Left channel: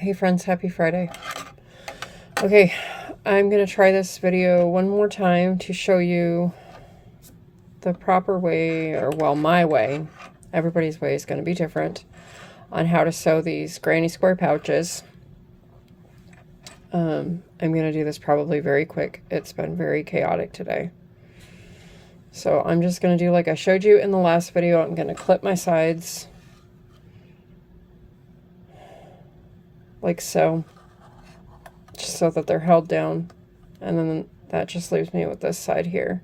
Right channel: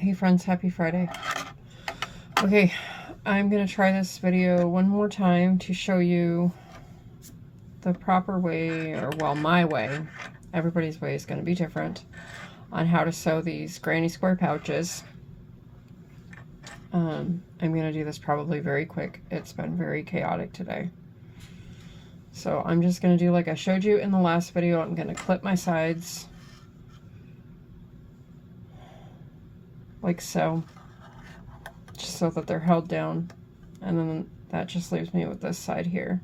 Hey friends, happy Friday. Okay, I'm going to try this video one more time to show you the proper way, or well, my way. Everybody's way is going to be different on how to sew these granny square pouches. I'm going to do this probably very quick. It's been very chaotic today. So I'm just going to do like I showed you in the last video. I'm going to clip my sides like so, just so that they're held down, and then that just leaves me with this side here.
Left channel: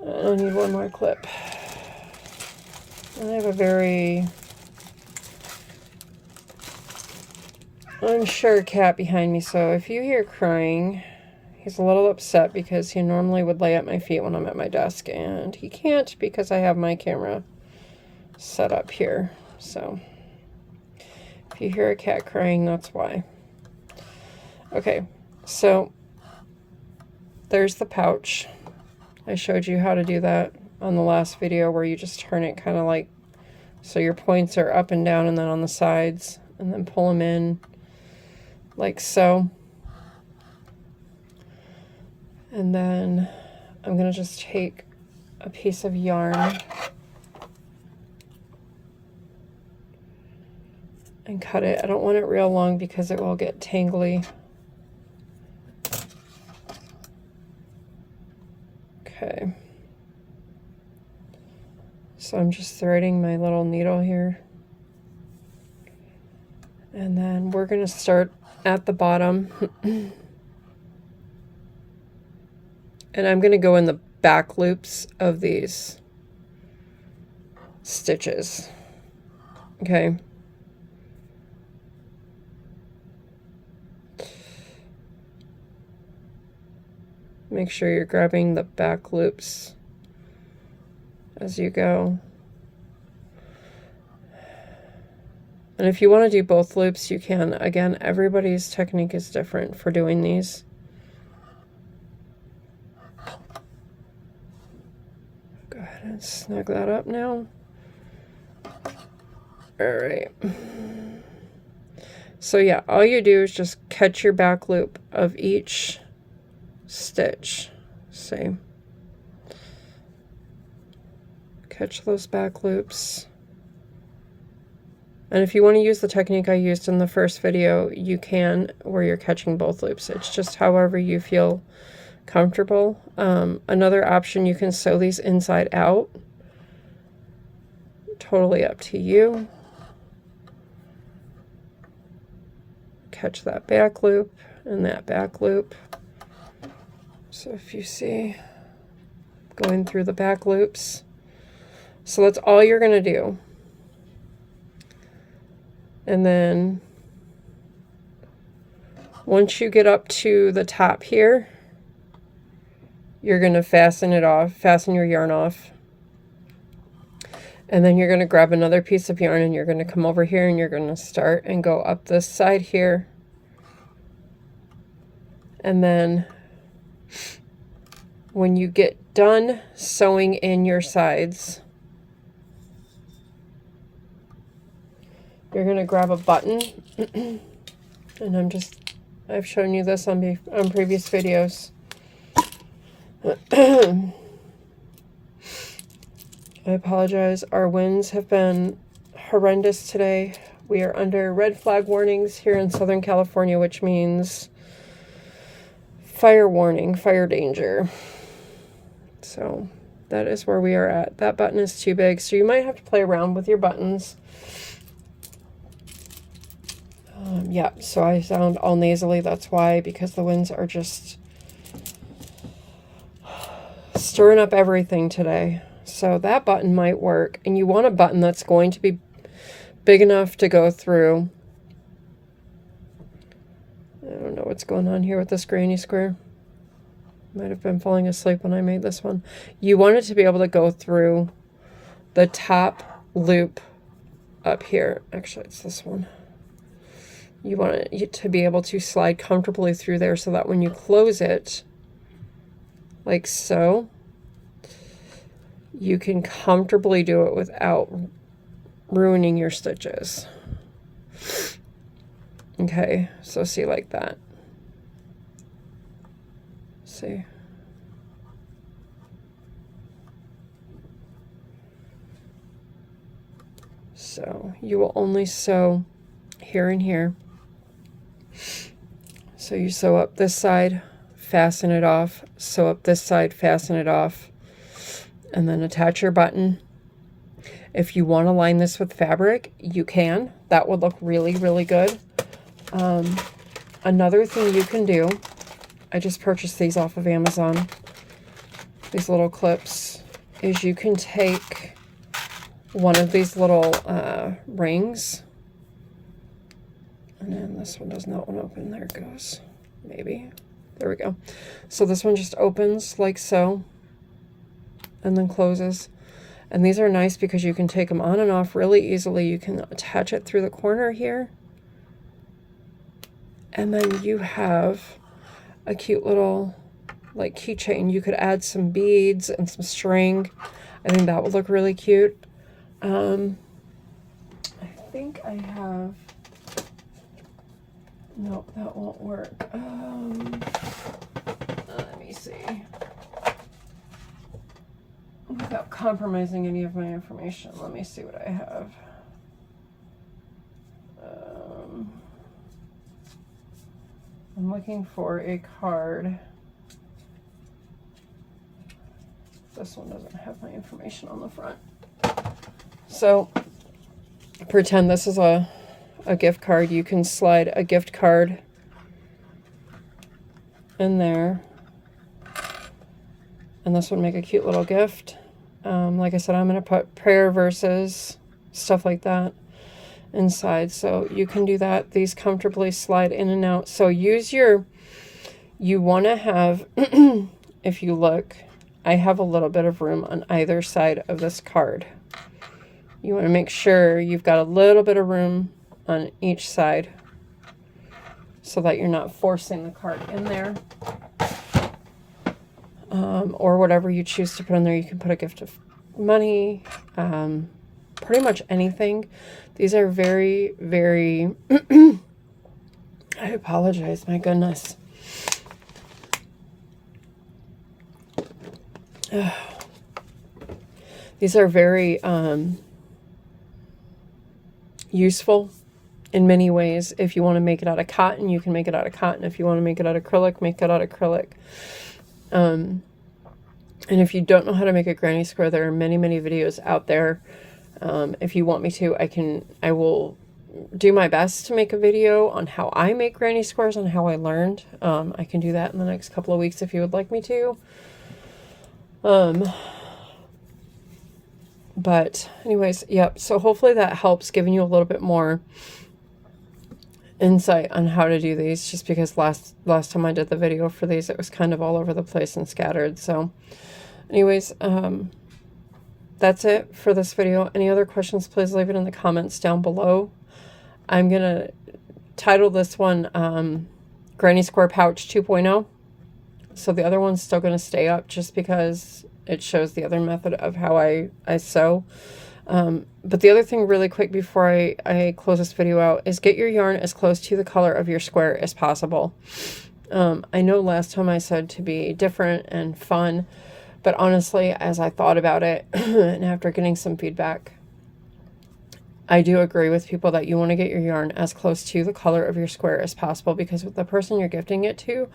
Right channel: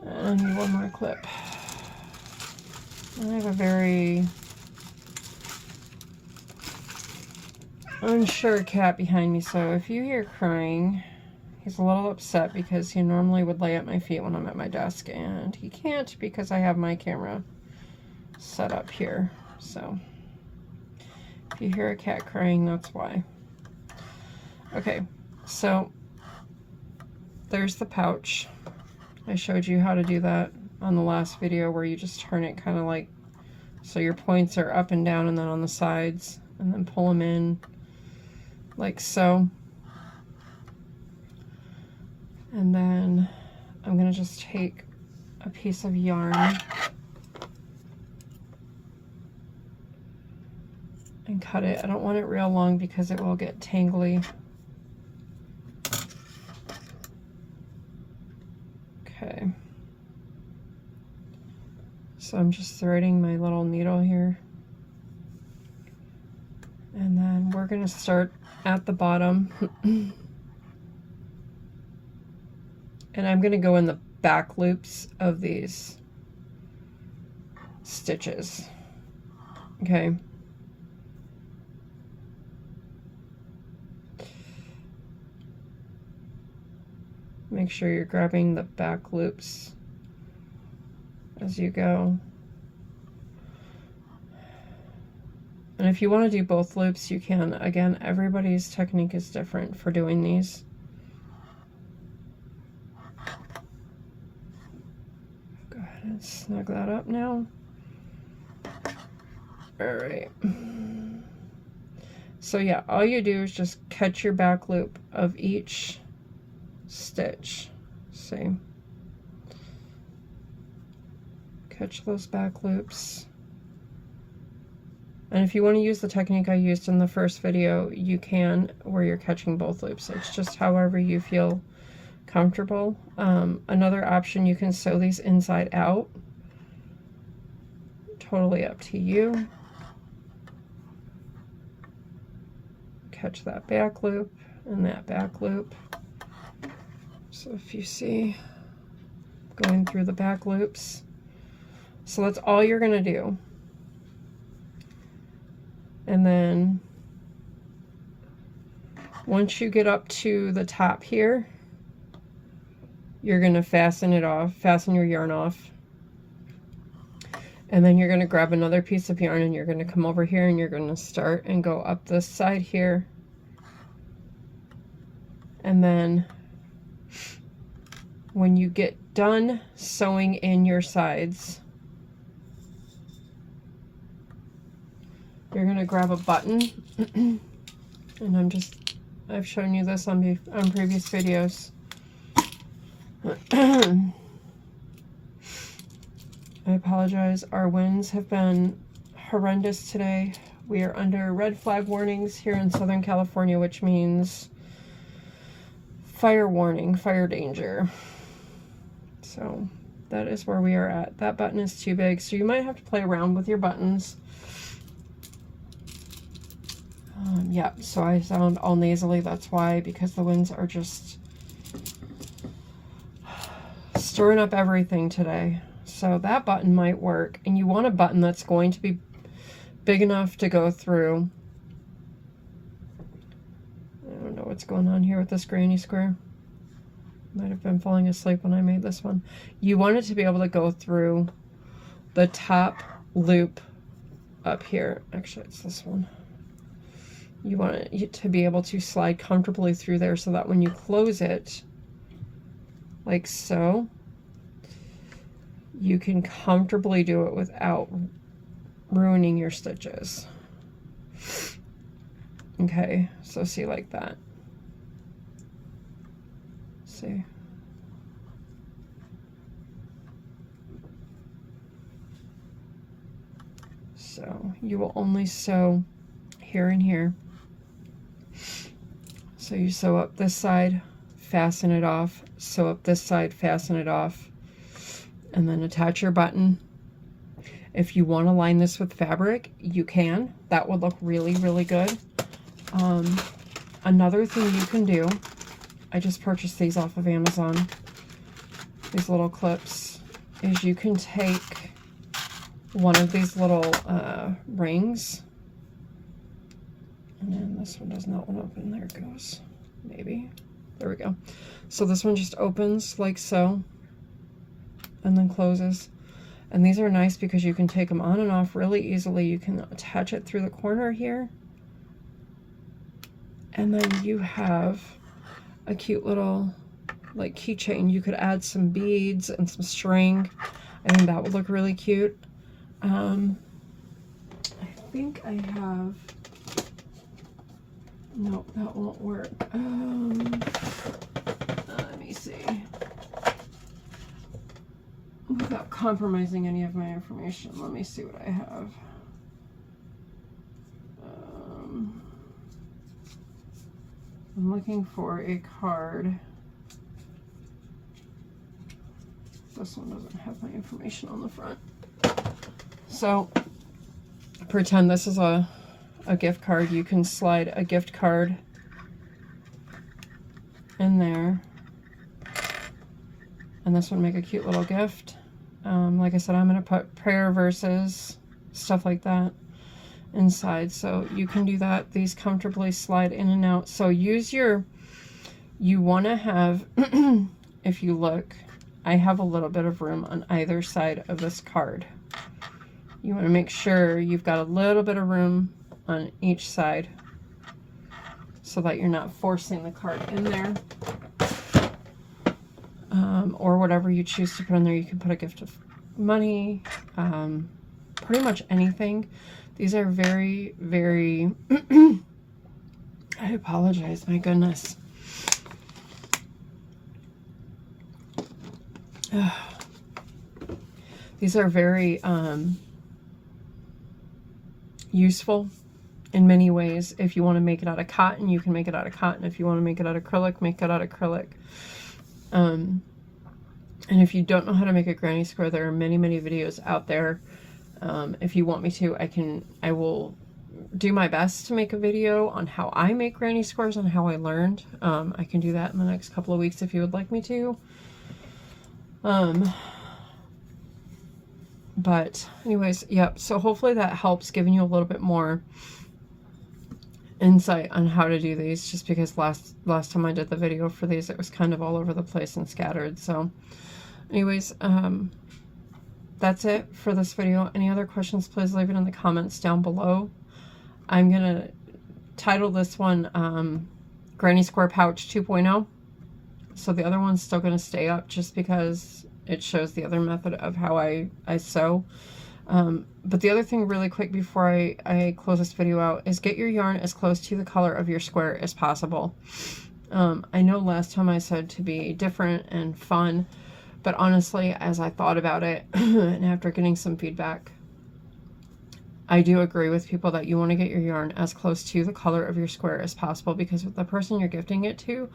I need one more clip. I have a very unsure cat behind me, so if you hear crying, he's a little upset because he normally would lay at my feet when I'm at my desk, and he can't because I have my camera set up here. So if you hear a cat crying, that's why. Okay, so there's the pouch. I showed you how to do that on the last video, where you just turn it kind of like so your points are up and down and then on the sides, and then pull them in like so. And then I'm going to just take a piece of yarn and cut it. I don't want it real long because it will get tangly. Okay. So I'm just threading my little needle here. And then we're going to start at the bottom. And I'm going to go in the back loops of these stitches. Okay. Make sure you're grabbing the back loops as you go. And if you want to do both loops, you can. Again, everybody's technique is different for doing these. Go ahead and snug that up now. All right. So yeah, all you do is just catch your back loop of each stitch. See? Catch those back loops. And if you want to use the technique I used in the first video, you can, where you're catching both loops. It's just however you feel comfortable. Another option, you can sew these inside out. Totally up to you. Catch that back loop and that back loop. So if you see, going through the back loops. So that's all you're going to do. And then once you get up to the top here, you're going to fasten it off, fasten your yarn off. And then you're going to grab another piece of yarn and you're going to come over here and you're going to start and go up this side here. And then when you get done sewing in your sides, you're going to grab a button. And I've shown you this on previous videos. I apologize. Our winds have been horrendous today. We are under red flag warnings here in Southern California, which means fire warning, fire danger. So that is where we are at. That button is too big, so you might have to play around with your buttons. Yeah, so I sound all nasally. That's why, because the winds are just stirring up everything today. So that button might work, and you want a button that's going to be big enough to go through. I don't know what's going on here with this granny square. Might have been falling asleep when I made this one. You want it to be able to go through the top loop up here. Actually, it's this one. You want it to be able to slide comfortably through there so that when you close it, like so, you can comfortably do it without ruining your stitches. Okay, so see like that. See. So you will only sew here and here. So you sew up this side, fasten it off, sew up this side, fasten it off, and then attach your button. If you want to line this with fabric, you can. That would look really, really good. Another thing you can do, I just purchased these off of Amazon, these little clips, is you can take one of these little rings, and then this one does not want to open. There it goes. Maybe. There we go. So this one just opens like so, and then closes. And these are nice because you can take them on and off really easily. You can attach it through the corner here. And then you have a cute little like keychain. You could add some beads and some string. I think that would look really cute. I think I have, no, that won't work. Let me see. Without compromising any of my information, let me see what I have. I'm looking for a card. This one doesn't have my information on the front. So pretend this is a gift card. You can slide a gift card in there. And this would make a cute little gift. Like I said, I'm going to put prayer verses, stuff like that inside. So you can do that. These comfortably slide in and out. So use your, you want to have, if you look, I have a little bit of room on either side of this card. You want to make sure you've got a little bit of room on each side so that you're not forcing the card in there. Or whatever you choose to put in there. You can put a gift of money, pretty much anything. These are very, very, I apologize, my goodness. These are very useful in many ways. If you want to make it out of cotton, you can make it out of cotton. If you want to make it out of acrylic, make it out of acrylic. And if you don't know how to make a granny square, there are many, many videos out there. If you want me to, I will do my best to make a video on how I make granny squares and how I learned. I can do that in the next couple of weeks if you would like me to. But anyways, yep. So hopefully that helps, giving you a little bit more insight on how to do these, just because last time I did the video for these, it was kind of all over the place and scattered. So anyways, that's it for this video. Any other questions, please leave it in the comments down below. I'm gonna title this one Granny Square Pouch 2.0. So the other one's still gonna stay up just because it shows the other method of how I sew. But the other thing really quick before I close this video out is get your yarn as close to the color of your square as possible. I know last time I said to be different and fun, but honestly, as I thought about it and after getting some feedback, I do agree with people that you want to get your yarn as close to the color of your square as possible, because the person you're gifting it to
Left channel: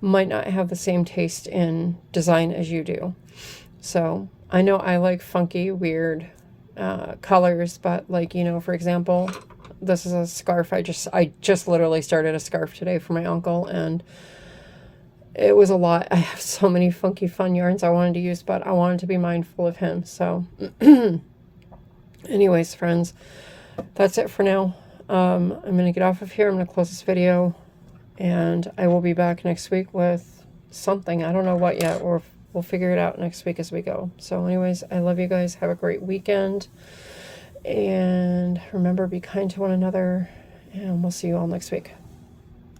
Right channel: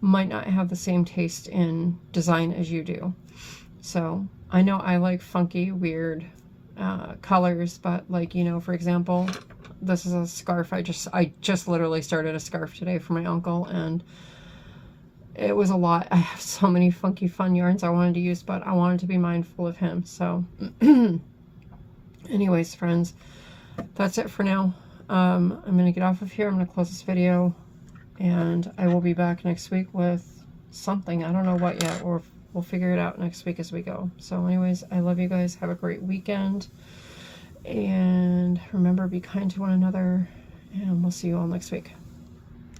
might not have the same taste in design as you do. So I know I like funky, weird colors, but like, you know, for example, this is a scarf. I just literally started a scarf today for my uncle, and it was a lot. I have so many funky fun yarns I wanted to use, but I wanted to be mindful of him. So anyways, friends, that's it for now. I'm going to get off of here. I'm going to close this video, and I will be back next week with something. I don't know what yet, or we'll figure it out next week as we go. So anyways, I love you guys. Have a great weekend. And remember, be kind to one another. And we'll see you all next week.